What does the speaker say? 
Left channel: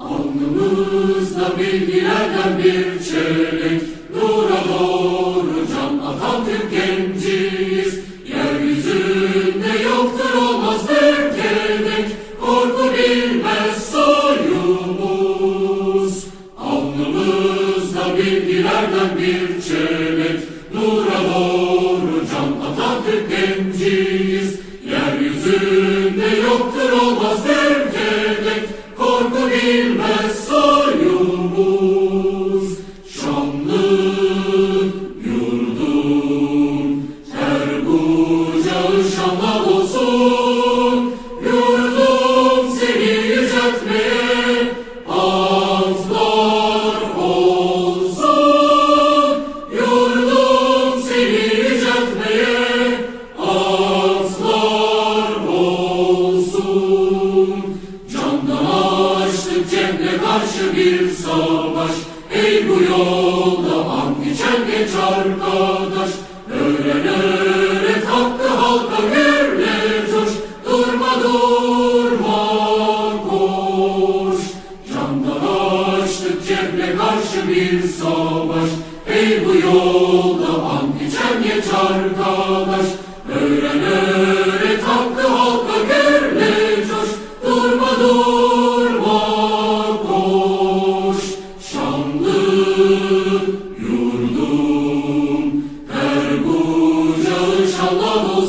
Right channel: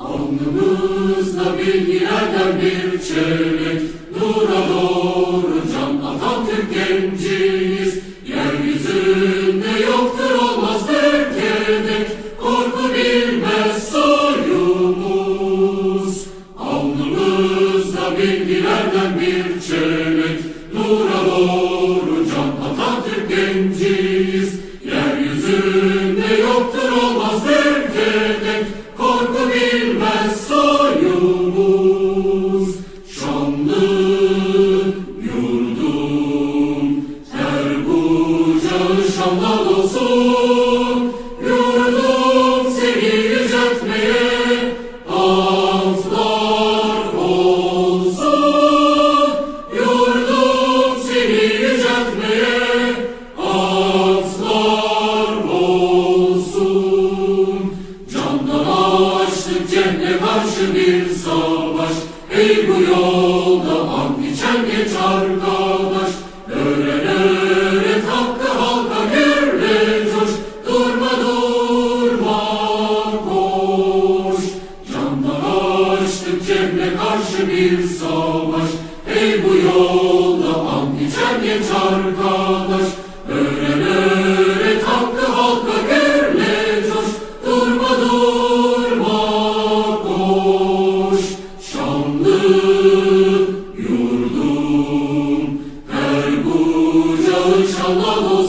Alnımızda bilgilerden bir çelik, dura doğru can Atatürk genciyiz. Yeryüzünde yoktur olmaz ülkedik, korku bilmez soyumuz. Alnımızda bilgilerden bir çelik, dura doğru can Atatürk genciyiz. Yücalı olsun Yurdum seni yüceltmeye olsun. Yurdum seni yüceltmeye olsun. Candan açtım cehle karşı bir savaş. Ey bu yol Bir savaş Ey bu yolda an içen genç arkadaş. Öğren öğret hakkı halka gürle coş Durma durma koş. Şanlı yurdum Her kucağın şanla dolu